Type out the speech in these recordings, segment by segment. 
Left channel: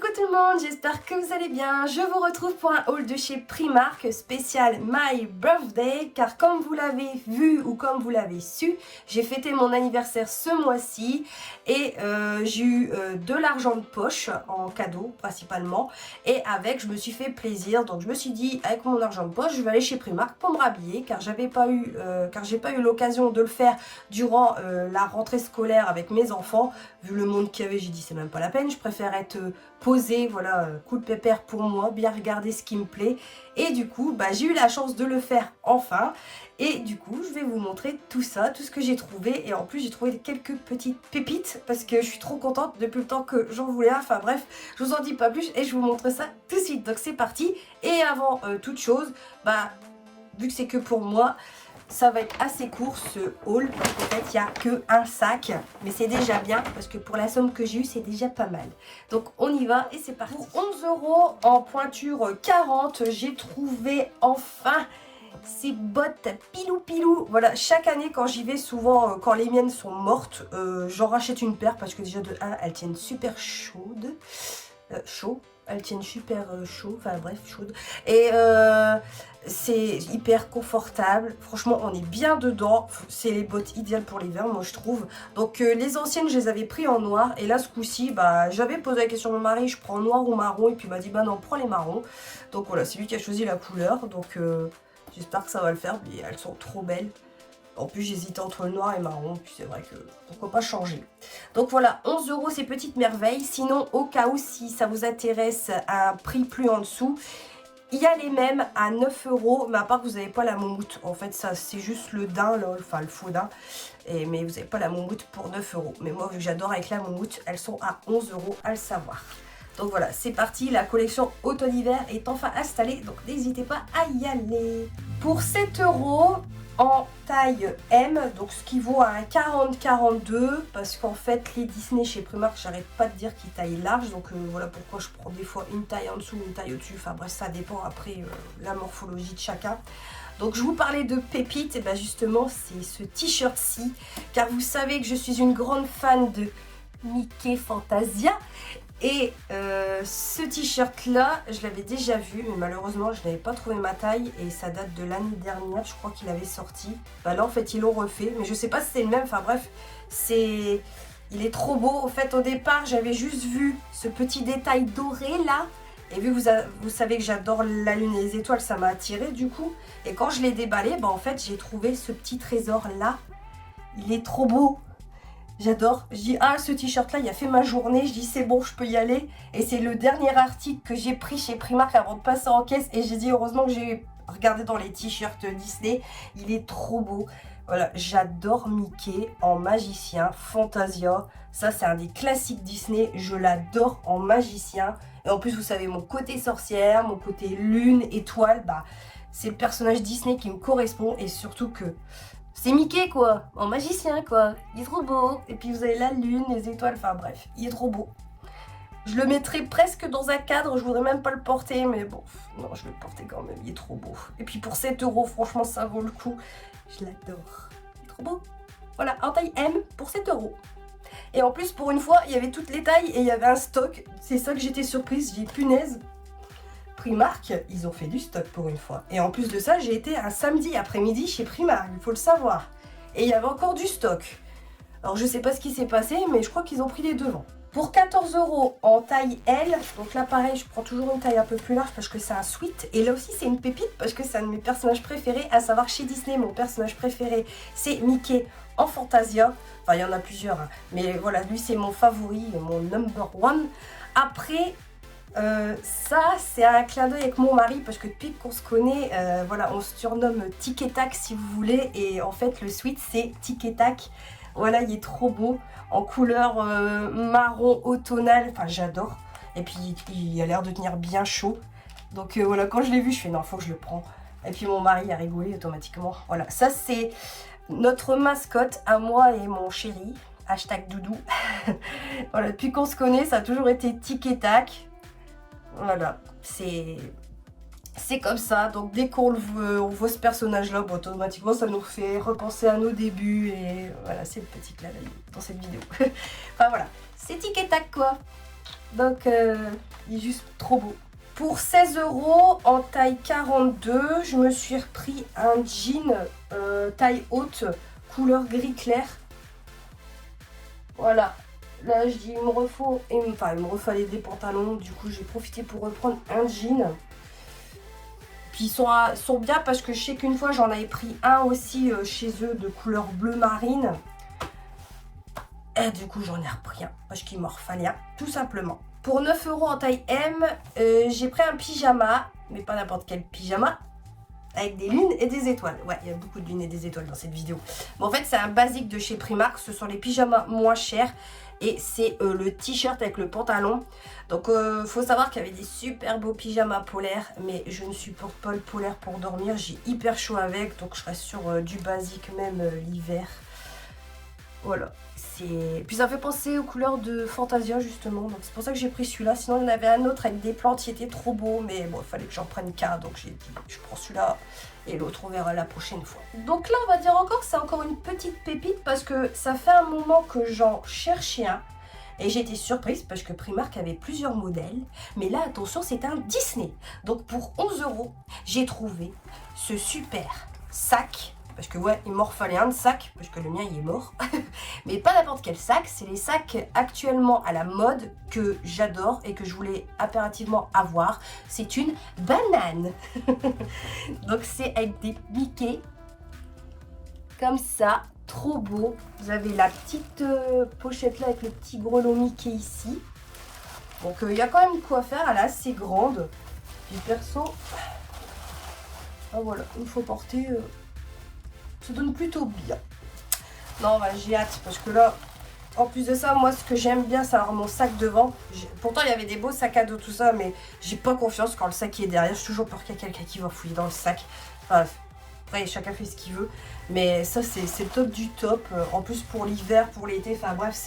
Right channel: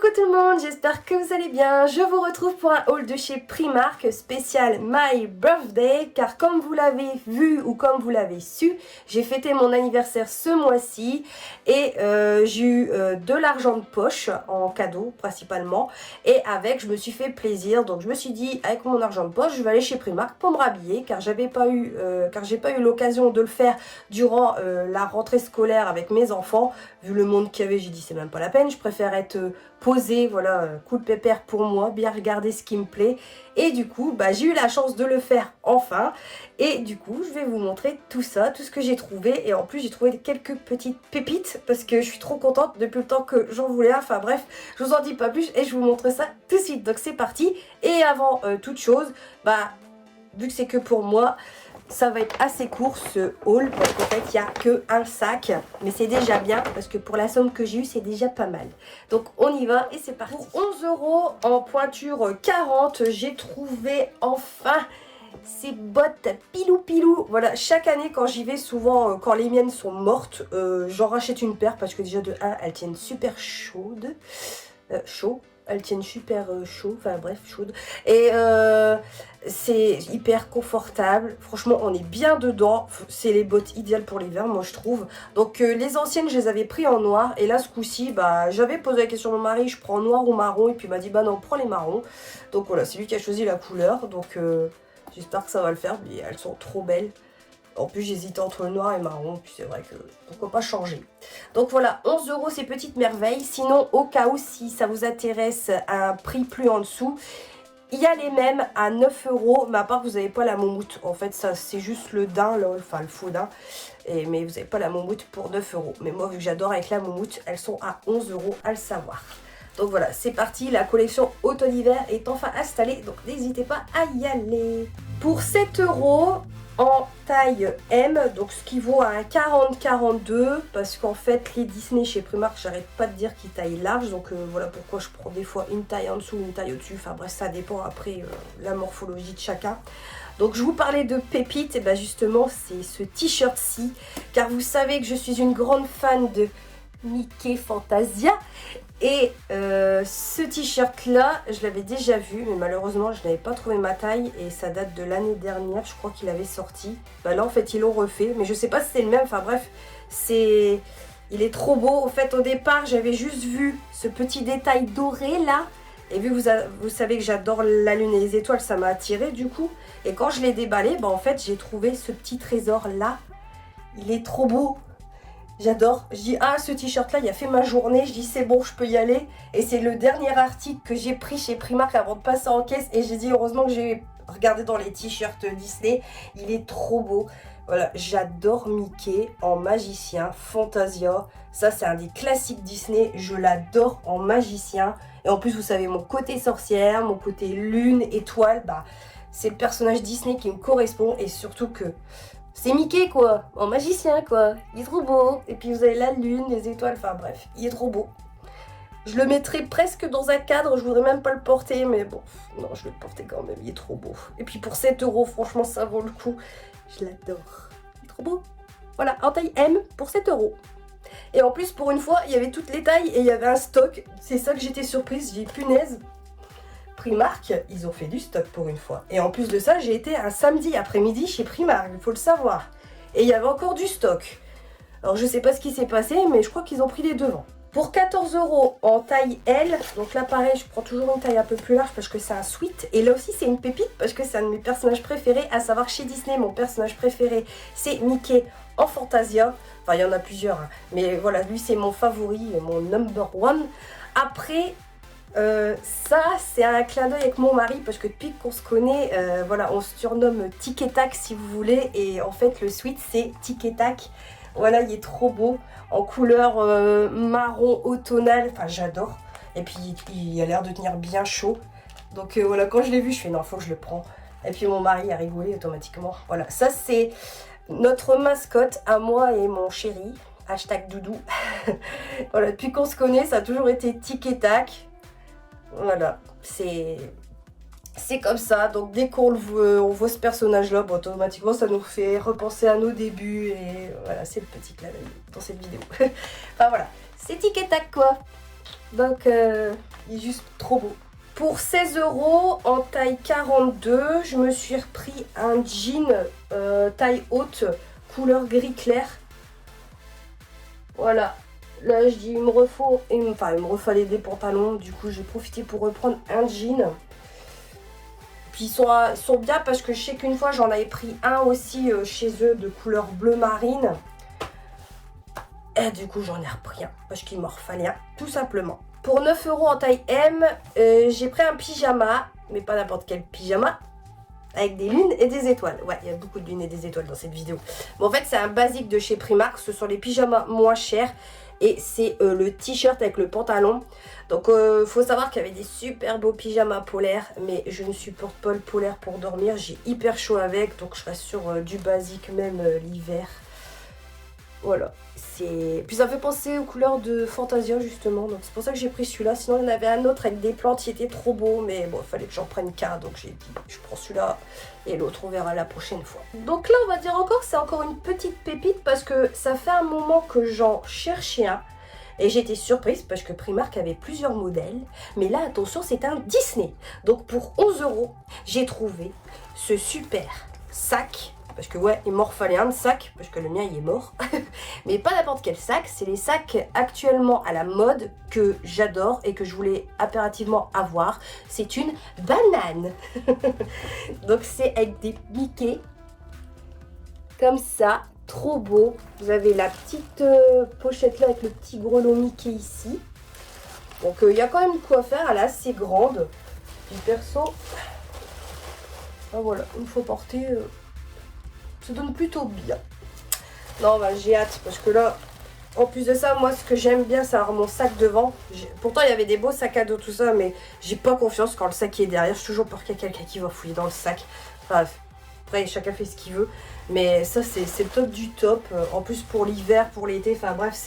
Coucou tout le monde, j'espère que vous allez bien. Je vous retrouve pour un haul de chez Primark spécial My Birthday, car comme vous l'avez vu ou comme vous l'avez su, j'ai fêté mon anniversaire ce mois-ci et j'ai eu de l'argent de poche en cadeau principalement, et avec je me suis fait plaisir. Donc je me suis dit, avec mon argent de poche je vais aller chez Primark pour me rhabiller, car j'ai pas eu l'occasion de le faire durant la rentrée scolaire avec mes enfants. Vu le monde qu'il y avait, j'ai dit c'est même pas la peine, je préfère être posée, voilà, coup de pépère pour moi, bien regarder ce qui me plaît. Et du coup, j'ai eu la chance de le faire enfin. Et du coup, je vais vous montrer tout ça, tout ce que j'ai trouvé. Et en plus, j'ai trouvé quelques petites pépites parce que je suis trop contente depuis le temps que j'en voulais. Enfin bref, je vous en dis pas plus et je vous montre ça tout de suite. Donc c'est parti. Et avant toute chose, vu que c'est que pour moi, ça va être assez court ce haul parce qu'en fait il n'y a que un sac, mais c'est déjà bien parce que pour la somme que j'ai eue c'est déjà pas mal. Donc on y va et c'est parti. Pour 11 € en pointure 40, j'ai trouvé enfin ces bottes pilou. Voilà, chaque année quand j'y vais, souvent quand les miennes sont mortes, j'en rachète une paire parce que déjà de 1 elles tiennent super chaudes. Elles tiennent super chaud, enfin bref, chaude. Et c'est hyper confortable. Franchement, on est bien dedans. C'est les bottes idéales pour l'hiver, moi je trouve. Donc les anciennes, je les avais pris en noir. Et là, ce coup-ci, j'avais posé la question à mon mari, je prends noir ou marron. Et puis il m'a dit, non, prends les marrons. Donc voilà, c'est lui qui a choisi la couleur. Donc j'espère que ça va le faire. Mais elles sont trop belles. En plus, j'hésitais entre le noir et marron, puis c'est vrai que pourquoi pas changer. Donc voilà, 11 € ces petites merveilles. Sinon, au cas où, si ça vous intéresse, à un prix plus en dessous, il y a les mêmes à 9 €, mais à part que vous n'avez pas la moumoute. En fait, ça c'est juste le daim, là, enfin le faux daim. Mais vous n'avez pas la moumoute pour 9 €. Mais moi, vu que j'adore avec la moumoute, elles sont à 11 € à le savoir. Donc voilà, c'est parti, la collection automne-hiver est enfin installée, donc n'hésitez pas à y aller. Pour 7 € en taille M, donc ce qui vaut à un 40-42, parce qu'en fait les Disney chez Primark, j'arrête pas de dire qu'ils taillent large, donc voilà pourquoi je prends des fois une taille en dessous, une taille au-dessus, enfin bref, ça dépend après la morphologie de chacun. Donc je vous parlais de pépites, et justement c'est ce t-shirt-ci, car vous savez que je suis une grande fan de Mickey Fantasia. Et ce t-shirt là, je l'avais déjà vu, mais malheureusement je n'avais pas trouvé ma taille et ça date de l'année dernière, je crois qu'il avait sorti. Là en fait ils l'ont refait, mais je sais pas si c'est le même, enfin bref, il est trop beau. En fait au départ j'avais juste vu ce petit détail doré là, et vu que vous savez que j'adore la lune et les étoiles, ça m'a attiré du coup. Et quand je l'ai déballé, en fait j'ai trouvé ce petit trésor là, il est trop beau. J'adore. Je dis, ce t-shirt là, il a fait ma journée. Je dis, c'est bon, je peux y aller. Et c'est le dernier article que j'ai pris chez Primark avant de passer en caisse. Et j'ai dit, heureusement que j'ai regardé dans les t-shirts Disney. Il est trop beau. Voilà, j'adore Mickey en magicien, Fantasia. Ça, c'est un des classiques Disney. Je l'adore en magicien. Et en plus, vous savez, mon côté sorcière, mon côté lune, étoile, c'est le personnage Disney qui me correspond. Et surtout que c'est Mickey quoi, en magicien quoi, il est trop beau. Et puis vous avez la lune, les étoiles, enfin bref, il est trop beau. Je le mettrais presque dans un cadre, je voudrais même pas le porter, mais bon, non, je vais le porter quand même, il est trop beau. Et puis pour 7 €, franchement ça vaut le coup, je l'adore, il est trop beau. Voilà, en taille M pour 7 €. Et en plus pour une fois, il y avait toutes les tailles et il y avait un stock, c'est ça que j'étais surprise, j'ai dit punaise. Primark, ils ont fait du stock pour une fois. Et en plus de ça, j'ai été un samedi après-midi chez Primark, il faut le savoir. Et il y avait encore du stock. Alors je sais pas ce qui s'est passé, mais je crois qu'ils ont pris les devants. Pour 14 € en taille L, donc là pareil, je prends toujours une taille un peu plus large parce que c'est un sweat. Et là aussi c'est une pépite parce que c'est un de mes personnages préférés, à savoir chez Disney, mon personnage préféré c'est Mickey en Fantasia. Enfin il y en a plusieurs, hein. Mais voilà, lui c'est mon favori, mon number one. Après, ça c'est un clin d'œil avec mon mari parce que depuis qu'on se connaît, voilà, on se surnomme Tic et Tac si vous voulez, et en fait le sweat c'est Tic et Tac. Voilà, il est trop beau en couleur marron automnal, enfin j'adore. Et puis il a l'air de tenir bien chaud, donc voilà, quand je l'ai vu je fais non, faut que je le prends. Et puis mon mari a rigolé automatiquement. Voilà, ça c'est notre mascotte à moi et mon chéri, hashtag doudou. Voilà, depuis qu'on se connaît ça a toujours été Tic et Tac. Voilà, c'est comme ça. Donc dès qu'on on voit ce personnage là, automatiquement ça nous fait repenser à nos débuts. Et voilà, c'est le petit clin d'œil dans cette vidéo. Enfin voilà, c'est Tic et Tac quoi. Donc il est juste trop beau. Pour 16 € en taille 42, je me suis repris un jean taille haute, couleur gris clair. Voilà. Là, je dis, il me refallait des pantalons. Du coup, j'ai profité pour reprendre un jean. Puis ils sont bien parce que je sais qu'une fois, j'en avais pris un aussi chez eux de couleur bleu marine. Et du coup, j'en ai repris un parce qu'il m'en refallait un, tout simplement. Pour 9 € en taille M, j'ai pris un pyjama, mais pas n'importe quel pyjama, avec des lunes et des étoiles. Ouais, il y a beaucoup de lunes et des étoiles dans cette vidéo. Bon, en fait, c'est un basique de chez Primark. Ce sont les pyjamas moins chers. Et c'est le t-shirt avec le pantalon. Donc, faut savoir qu'il y avait des super beaux pyjamas polaires. Mais je ne supporte pas le polaire pour dormir. J'ai hyper chaud avec. Donc, je reste sur du basique même l'hiver. Voilà. Puis ça fait penser aux couleurs de Fantasia justement, donc c'est pour ça que j'ai pris celui-là. Sinon il y en avait un autre avec des plantes qui était trop beau, mais bon, il fallait que j'en prenne qu'un, donc j'ai dit je prends celui-là et l'autre on verra la prochaine fois. Donc là on va dire encore que c'est encore une petite pépite parce que ça fait un moment que j'en cherchais un et j'étais surprise parce que Primark avait plusieurs modèles, mais là attention, c'est un Disney. Donc pour 11 €, j'ai trouvé ce super sac. Parce que ouais, il m'en refallait un de sac, parce que le mien il est mort. Mais pas n'importe quel sac, c'est les sacs actuellement à la mode que j'adore et que je voulais impérativement avoir. C'est une banane. Donc c'est avec des Mickey, comme ça, trop beau. Vous avez la petite pochette là avec le petit grelot Mickey ici. Donc il y a quand même de quoi faire, elle est assez grande. Du perso, ah voilà, une fois portée... ça donne plutôt bien. Non, bah, j'ai hâte parce que là, en plus de ça, moi ce que j'aime bien, c'est avoir mon sac devant. Pourtant il y avait des beaux sacs à dos, tout ça, mais j'ai pas confiance quand le sac est derrière. J'ai toujours peur qu'il y ait quelqu'un qui va fouiller dans le sac. Enfin, après chacun fait ce qu'il veut, mais ça c'est le top du top. En plus pour l'hiver, pour l'été, enfin bref,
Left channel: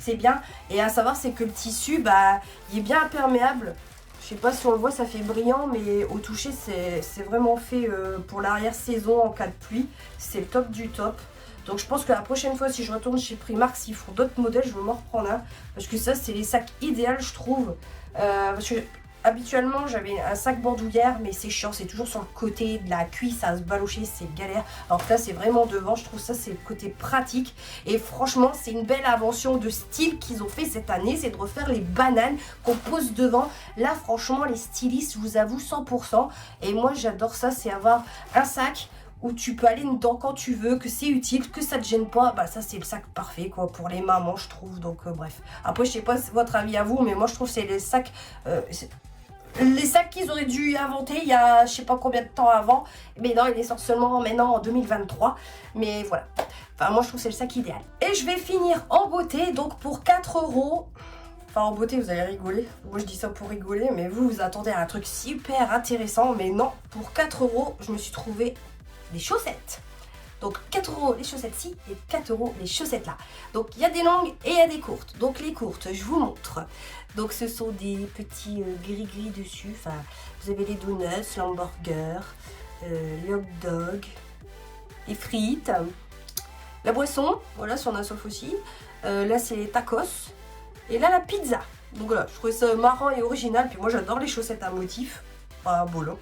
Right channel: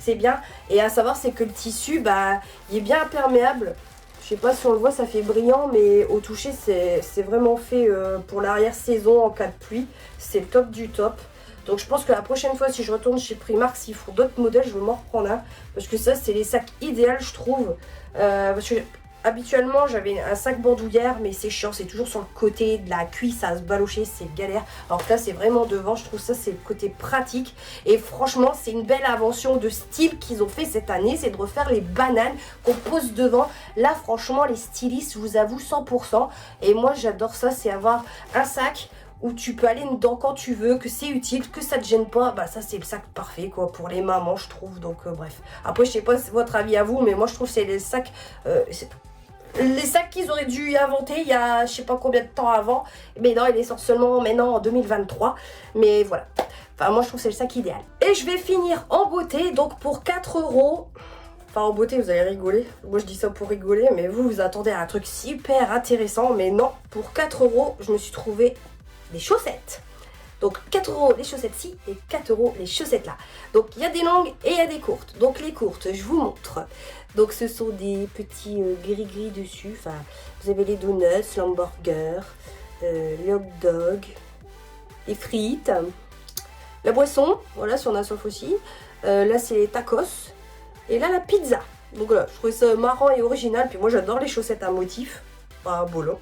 c'est bien. Et à savoir, c'est que le tissu, bah, il est bien imperméable. Je sais pas si on le voit, ça fait brillant, mais au toucher, c'est vraiment fait pour l'arrière-saison en cas de pluie. C'est le top du top. Donc je pense que la prochaine fois, si je retourne chez Primark, s'ils font d'autres modèles, je vais m'en reprendre un. Parce que ça, c'est les sacs idéaux, je trouve. Parce que habituellement, j'avais un sac bandoulière, mais c'est chiant. C'est toujours sur le côté de la cuisse à se balocher, c'est galère. Alors que là, c'est vraiment devant. Je trouve ça, c'est le côté pratique. Et franchement, c'est une belle invention de style qu'ils ont fait cette année. C'est de refaire les bananes qu'on pose devant. Là, franchement, les stylistes, je vous avoue, 100%. Et moi, j'adore ça. C'est avoir un sac où tu peux aller dedans quand tu veux, que c'est utile, que ça te gêne pas. Bah ça, c'est le sac parfait, quoi, pour les mamans, je trouve. Donc, bref. Après, je sais pas votre avis à vous, mais moi, je trouve que c'est les sacs... les sacs qu'ils auraient dû inventer il y a je sais pas combien de temps avant. Mais non, il sort seulement maintenant en 2023. Mais voilà. Enfin, moi je trouve que c'est le sac idéal. Et je vais finir en beauté. Donc pour 4 €. Enfin en beauté vous allez rigoler. Moi je dis ça pour rigoler. Mais vous attendez à un truc super intéressant. Mais non, pour 4 € je me suis trouvé des chaussettes. Donc 4 € les chaussettes-ci et 4 € les chaussettes-là. Donc il y a des longues et il y a des courtes. Donc les courtes, je vous montre. Donc ce sont des petits gris-gris dessus. Enfin, vous avez les donuts, l'hamburger, les hot dogs, les frites, la boisson. Voilà, si on a soif aussi. Là c'est les tacos. Et là la pizza. Donc voilà, je trouvais ça marrant et original. Puis moi j'adore les chaussettes à motif. Pas bolo.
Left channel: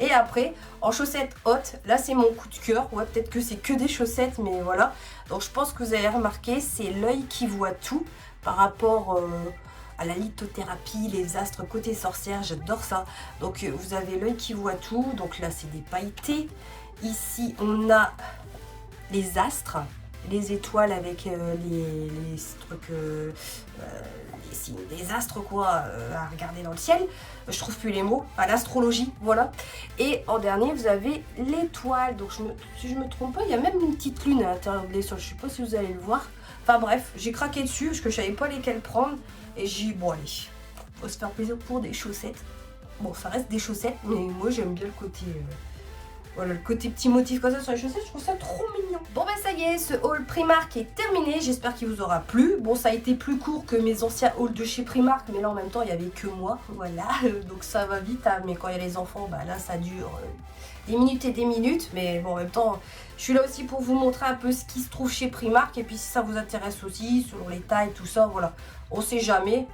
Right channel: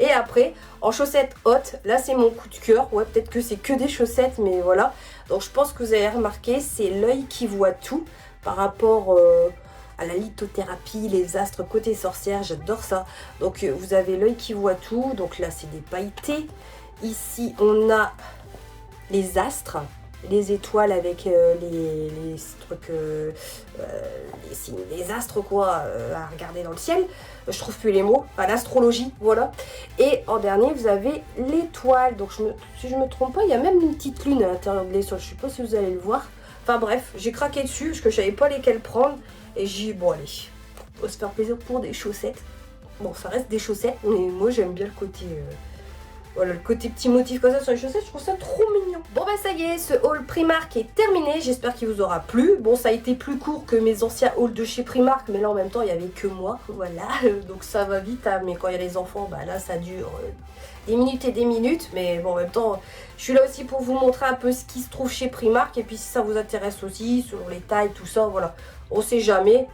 Et après, en chaussettes hautes, là c'est mon coup de cœur. Ouais, peut-être que c'est que des chaussettes, mais voilà. Donc je pense que vous avez remarqué, c'est l'œil qui voit tout par rapport à la lithothérapie, les astres côté sorcière. J'adore ça. Donc vous avez l'œil qui voit tout. Donc là c'est des pailletés. Ici on a les astres. Les étoiles avec les trucs, les signes, les astres quoi, à regarder dans le ciel. Je trouve plus les mots, enfin l'astrologie, voilà. Et en dernier, vous avez l'étoile. Donc si je me trompe pas, il y a même une petite lune à l'intérieur de l'étoile. Je sais pas si vous allez le voir. Enfin bref, j'ai craqué dessus parce que je savais pas lesquelles prendre. Et j'ai dit, bon allez, on va se faire plaisir pour des chaussettes. Bon, ça reste des chaussettes, mais moi j'aime bien le côté... voilà, le côté petit motif comme ça sur les chaussettes, je trouve ça trop mignon. Bon bah ça y est, ce haul Primark est terminé. J'espère qu'il vous aura plu. Bon, ça a été plus court que mes anciens hauls de chez Primark, mais là en même temps il n'y avait que moi, voilà. Donc ça va vite, hein. Mais quand il y a les enfants, bah là ça dure des minutes et des minutes. Mais bon, en même temps, je suis là aussi pour vous montrer un peu ce qui se trouve chez Primark. Et puis si ça vous intéresse aussi, selon les tailles, tout ça, voilà. On sait jamais.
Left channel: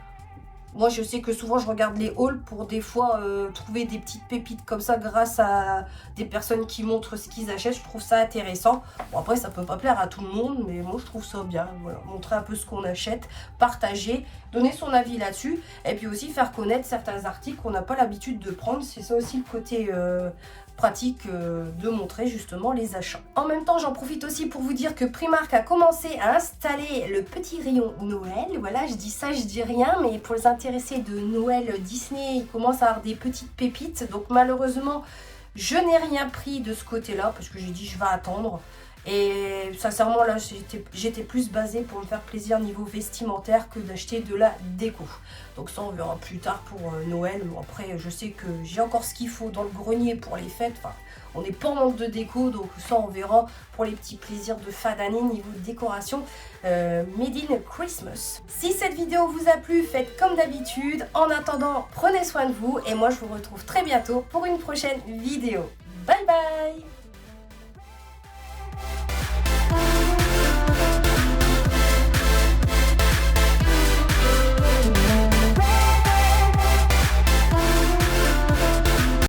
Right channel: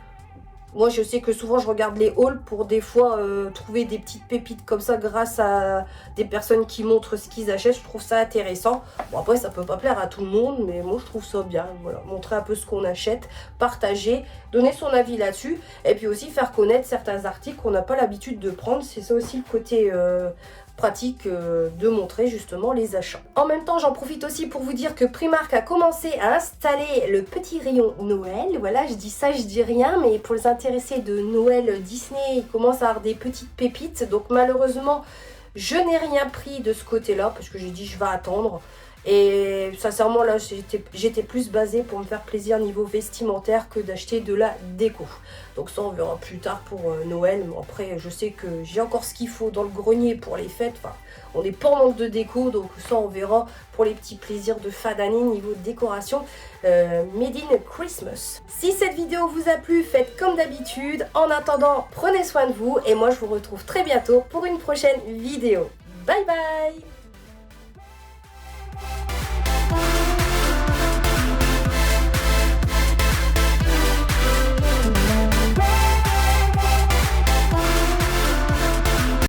Moi je sais que souvent je regarde les hauls pour des fois trouver des petites pépites comme ça grâce à des personnes qui montrent ce qu'ils achètent. Je trouve ça intéressant. Bon après ça peut pas plaire à tout le monde, mais moi je trouve ça bien. Voilà, montrer un peu ce qu'on achète, partager, donner son avis là-dessus. Et puis aussi faire connaître certains articles qu'on n'a pas l'habitude de prendre. C'est ça aussi le côté pratique de montrer justement les achats. En même temps j'en profite aussi pour vous dire que Primark a commencé à installer le petit rayon Noël. Voilà, je dis ça, je dis rien, mais pour les intéressés de Noël Disney, ils commencent à avoir des petites pépites. Donc malheureusement je n'ai rien pris de ce côté là parce que j'ai dit je vais attendre. Et sincèrement là j'étais plus basée pour me faire plaisir niveau vestimentaire que d'acheter de la déco. Donc ça on verra plus tard pour Noël. Bon, après je sais que j'ai encore ce qu'il faut dans le grenier pour les fêtes. Enfin, on n'est pas en manque de déco, donc ça on verra pour les petits plaisirs de fin d'année niveau décoration Made in Christmas. Si cette vidéo vous a plu, faites comme d'habitude. En attendant, prenez soin de vous et moi je vous retrouve très bientôt pour une prochaine vidéo. Bye bye.